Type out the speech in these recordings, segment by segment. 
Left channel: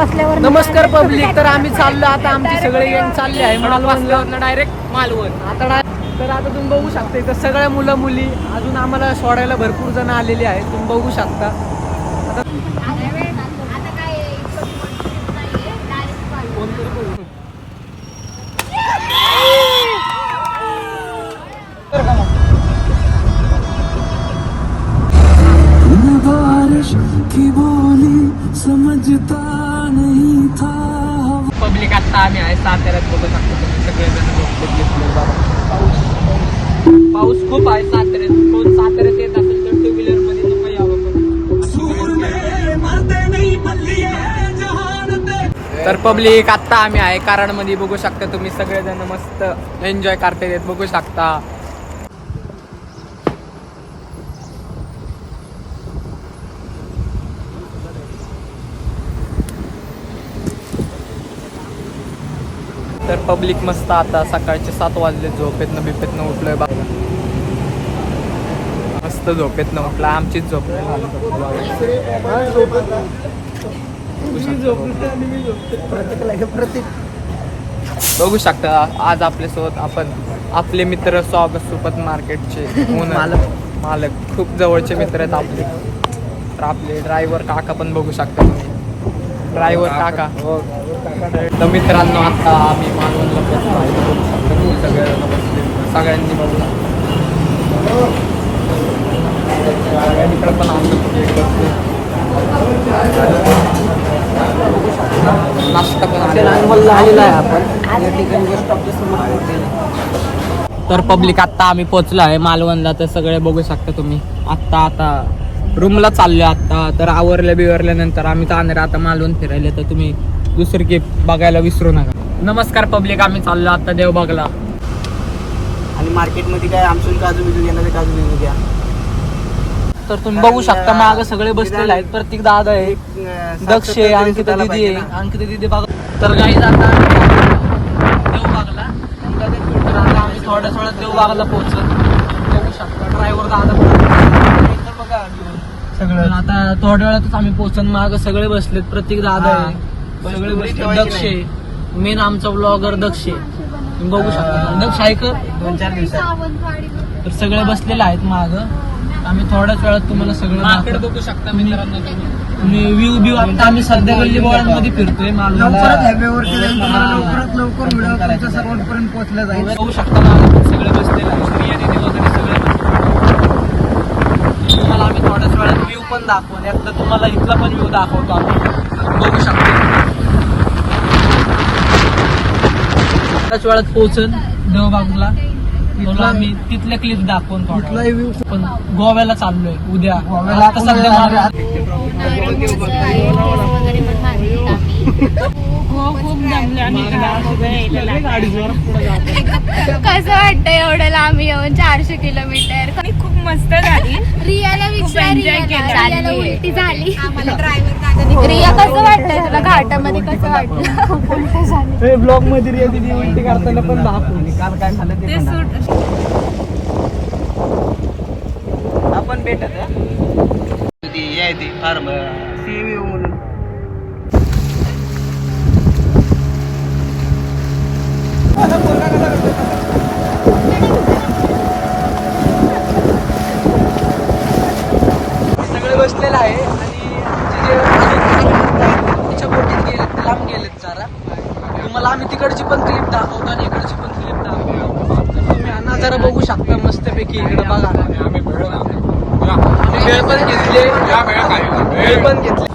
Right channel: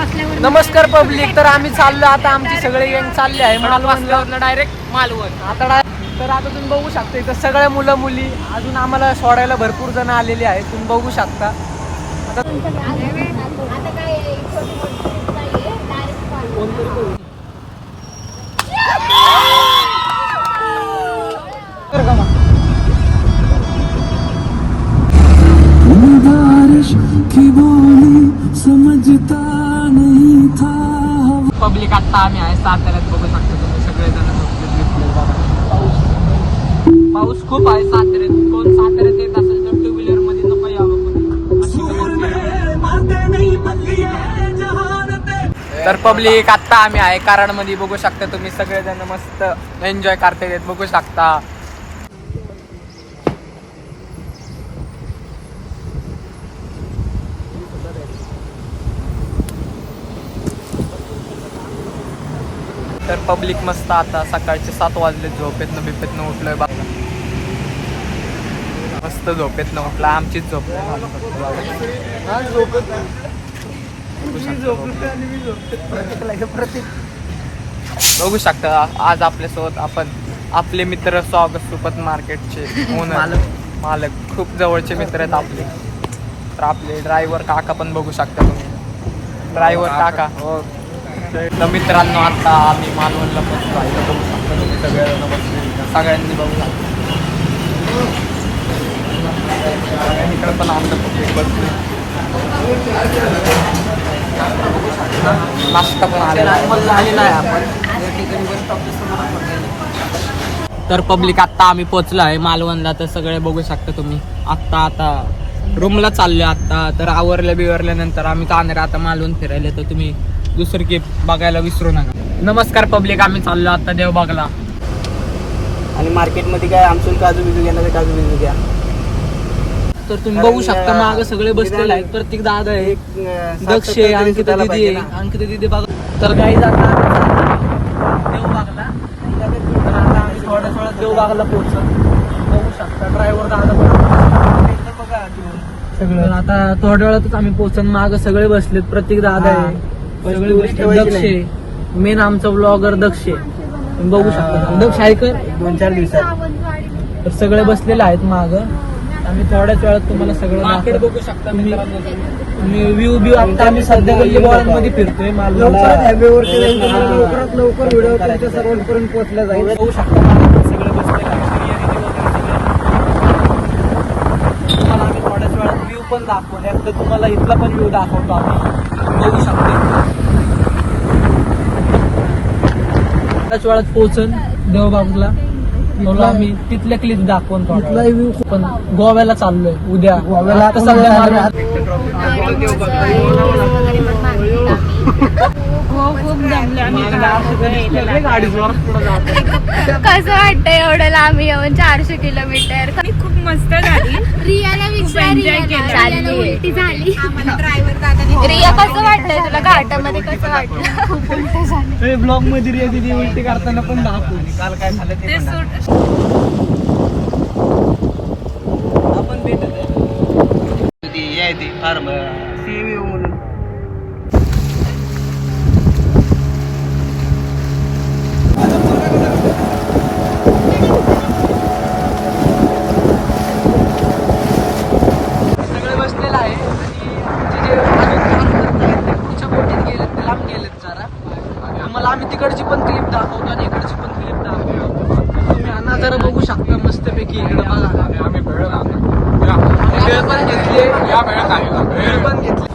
नमस्कार पब्लिक. तर आम्ही चाललो आता, आमची सगळे गँग चालले आहे मालवण डायरेक्ट मालवण. तर आता तुम्ही बघू शकता इथं सगळ्या मुलं मुली अजून आम्हाला सोडायला भरपूर जण आलेले आहेत. तुम्ही बघू शकता आता पब्लिक आता आम्ही आहे साताऱ्यात. बघू शकता तुम्ही सगळेजण. पाऊस खूप आहे साताऱ्यात. कोण साताऱ्यात येत असेल तर टू व्हीलर मध्ये नको यावं. तर पब्लिक आता आम्ही आहे कराडमध्ये. बघू शकता तुम्ही सगळेजण मस्त एन्जॉय करतायत. बघू शकता तर पब्लिक मस्त आता सकाळचे 7 वाजले. झोपेतनं बिपेतनं उठलोय बघा. मस्त झोपेतनं उठला. आमचीच झोप नाही झाली फक्त प्रतीक. बघू शकता आज आपल्यासोबत आपण आपले मित्र स्वागत सुपत मार्केटचे मालक खूप जवळचे मित्र आहेत आपले. तर आपले ड्रायव्हर काका पण बघू शकता तुम्ही. ड्रायव्हर काका हो. तर मित्रांनो आता आम्ही मालवणला पोहोचलो आहे. तर बघू शकता तुम्ही सगळ्यांना बसले. सगळ्यांनी बघू शकता. सगळ्यांकडे पण आमचं एक बसले. नाश्ता पण आलेला आहे आपण. तर पब्लिक आत्ता आम्ही पोहोचलो आहे मालवणला. तर सगळे बघू शकता तुम्ही. आता रूमला चाललो आता. तर आवरल्या बिवरल्यानंतर आम्ही जाणार आता मालवण फिरायला. तर तुम्ही दुसरी केप बघायला विसरू नका. नमस्कार पब्लिक. आम्ही चाललो आता देवबागला. आणि मार्केटमध्ये काय आमसूल काजू बिजू घेणार. काजू बिजू घ्या. तर तुम्ही बघू शकता मागं सगळे बसलेले आहेत. प्रत्येक दादा आहे, दक्ष आहे, अंकिता दिदी आहे. अंकिता दिदी बघा. तर काही जाता देवबागला. थोड्या देवबागला पोहोचत. बघू शकता ड्रायव्हर दादा सगळं. आता थोड्या वेळातच आम्ही पोहोचन. मागं सगळे बसलेत. प्रत्येक दादा आहे, सगळी गोष्टी. दक्ष आहे मेन आमचा ब्लॉगर. दक्ष तुम्ही बघू शकता. दक्ष आहे का 2-4 दिवसात. तर सगळे बसलेले आहेत मागं. आम्ही थोड्याच वेळात तुम्हाला सगळं बघू शकता. व्ह्यू आता आम्ही सध्या गल्ली बोळांमध्ये फिरतोय मालवण. लवकर व्हिडिओ तुमच्या सर्वांपर्यंत पोहोचला जाईल. बघू शकता सगळे बसलेले. आम्ही थोड्याच वेळात व्ह्यू पण दाखवतो. एकदा तुम्हाला इथला पण व्ह्यू दाखवतो आम्ही. बघू शकतो थोड्याच वेळात पोहोचन देवबागला. आम्ही तिथले क्लिप दाखवून पण गोव्याला चाललोय उद्या. गोव्याला सध्या खूप जमले. आणि कसं वाटतं एवढं लांब येऊन 400 किलोमीटर. आणि खूप मस्त झाली. रियाला उलटी झाली. रिया कसं वाटतंय तुला घाटामध्ये? कसं वाटलं? खूप उलट झाली. ब्लॉग मध्ये रिया दिदी उलटी करताना पण दाखवली. काल काय झालं ते आपण भेटत फार सीव्ही म्हणून. सगळे बसलेलं आहे. आणि लांब गेलेत जरा. तुम्हाला आम्ही तिकडची पण क्लिप दाखवतो आणि इकडची पण क्लिप दाखवतो. तुम्ही नजारा बघू शकता मस्त पैकी. इकडे बघा पण घेतले.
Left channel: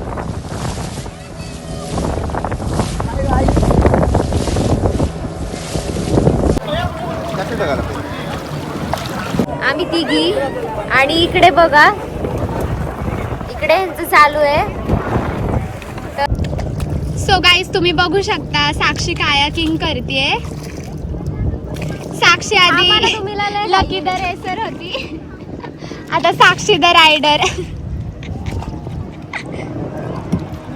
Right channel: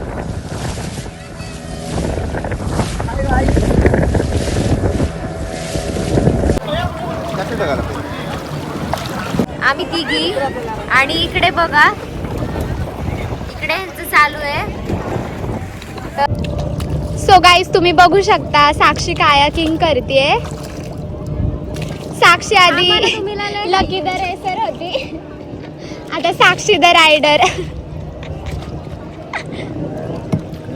आम्ही तिघी. आणि इकडे बघा, इकडे यांचं चालू आहे. सो गाईज तुम्ही बघू शकता साक्षी कायाकिंग करते. साक्षी आधी लकी द रेसर होती. आता साक्षी द रायडर.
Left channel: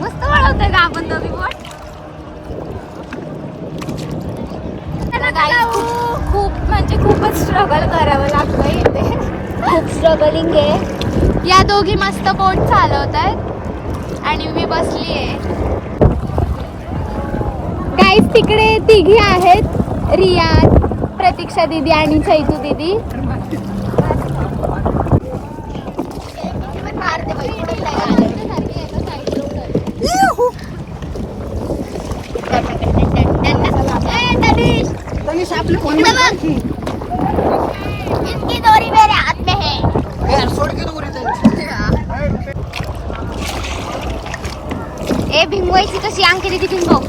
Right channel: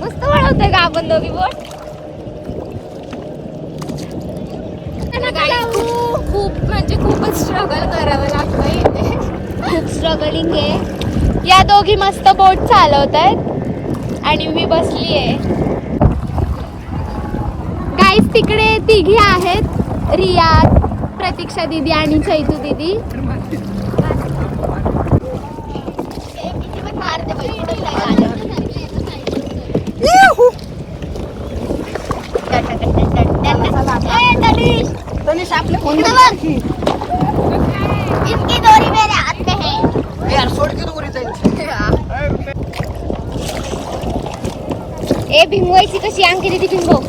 मस्त वळवतोय का आपण दोघी बोट? खूप म्हणजे खूपच स्ट्रगल करावं लागतं इथे. खूप स्ट्रगलिंग आहे. या दोघी मस्त बोट चालवत आहेत आणि मी बसली आहे. गाईस तिकडे तिघी आहेत, रिया, प्रतीक्षा दीदी आणि चैतू दीदी. इसकी डोरी मेरे हाथ में है. यार सोड की दोरी ए भिंगवायची कशी अंकी दीदी भिंगव.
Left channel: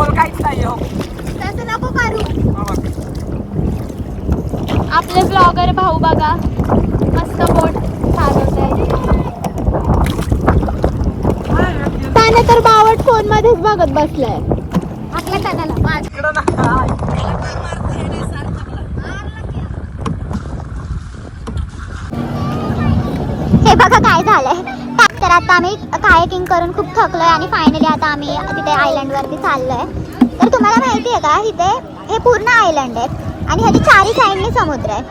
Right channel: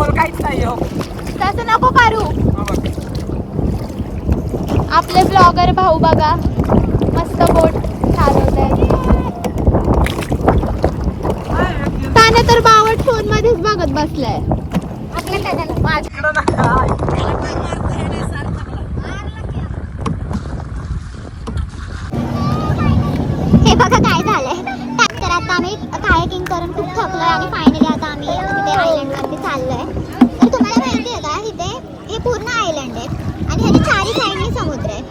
और काहीच नाही हो. तसं नको करू. आपले ब्लॉगर भाऊ बघा मस्त बोट चालवत आहे. त्याने तर बावट फोन मध्येच बघत बसलाय. आपल्या कानाला हे बघा काय झालंय. तर आता आम्ही कायाकिंग करून खूप थकलोय आणि फायनली आता आम्ही तिथे आयलंड वरती चाललोय. तर तुम्हाला माहिती आहे का इथे हे पूर्ण आयलंड आहे आणि ह्याची चारी साईडनी समुद्र आहे.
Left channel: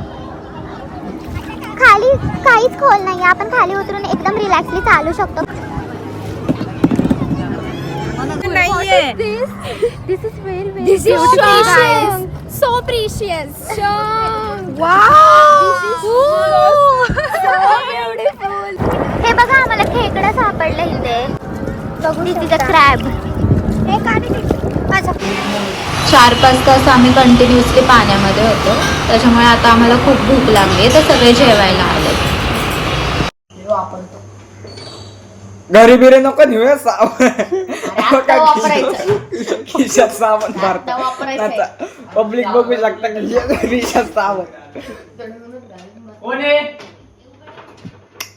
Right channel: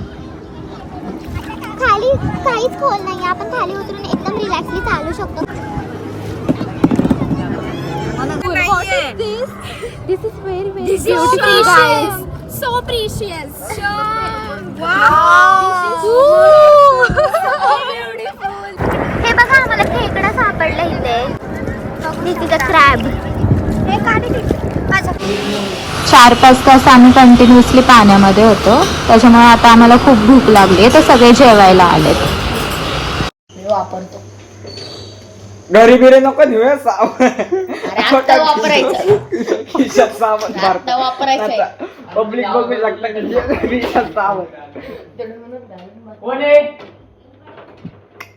खाली काहीच खोल नाही. आपण खाली उतरून एकदम रिलॅक्सली चालू शकतो. This is precious. So precious. हे बघा आम्हाला खेकडा सापडला इथे. दिस इज अ क्रॅब. 4-5 तास आम्ही कंटिन्युअसली पाण्यामध्ये होतो. त्याच्यामुळे आता आम्हाला खूप भूक लागली तर सगळे जेवायला आले. घरी बिरे नको नेऊया पब्लिक बघू शकता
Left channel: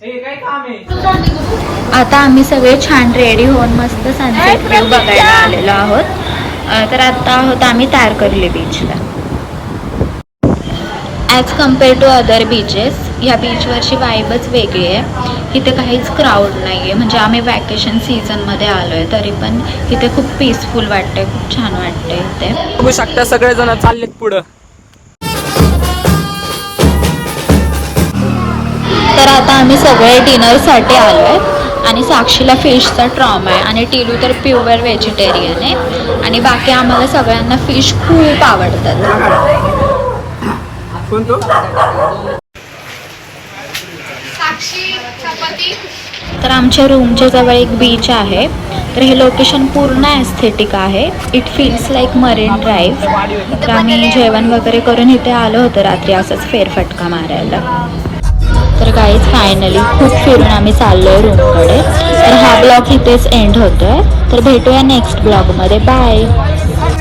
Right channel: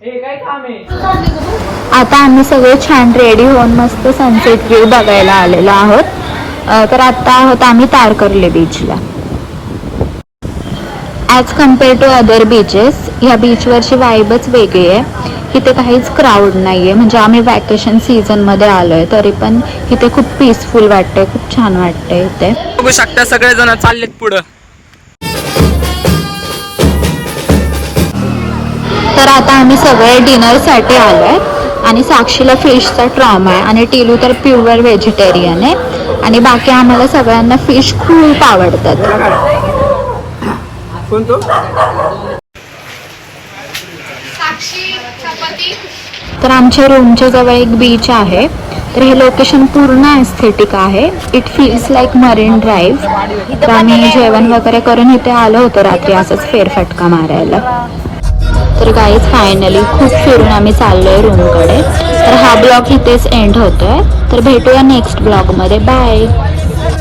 काय काम आहे. आता आम्ही सगळे छान रेडी होऊन मस्त सनसेट व्ह्यू बघायला आलेलो आहोत. तर आता आहोत आम्ही तारकर्ली बीचला. As compare to other beaches ह्या बीचवरची वाईबच वेगळी आहे. इथे काहीच क्राऊड नाही आहे. म्हणजे आम्ही वॅकेशन सीझनमध्ये आलो आहे तरी पण इथे खूप पीसफुल वाटतं, खूप छान वाटते इथे. बघू शकता सगळेजण चाललेत पुढं. तर आता आम्ही सगळे डिनरसाठी आलो आहे आणि साक्षीला फिशचा ट्रॉमा आहे आणि टिलू तर प्युअर व्हेजिटेरियन आहे आणि बाकी आम्हाला सगळ्यांना फिश खूप आवडतात. कोणतो तर आमच्या रूमच्या जवळ एक बीच आहे. तर हे लोकेशन पूर्ण एस्थेटिक आहे. It feels like marine drive. तर आम्ही जेवण वगैरे करून इथे आलो होतो रात्री असंच फेरफटका मारायला. तर गाईज फायनली खूप फिरून आम्ही चाललोय रूमकडे. तर हा ब्लॉग इथेच एंड होतोय. तर भेटूया नेक्स्ट ब्लॉगमध्ये. बाय.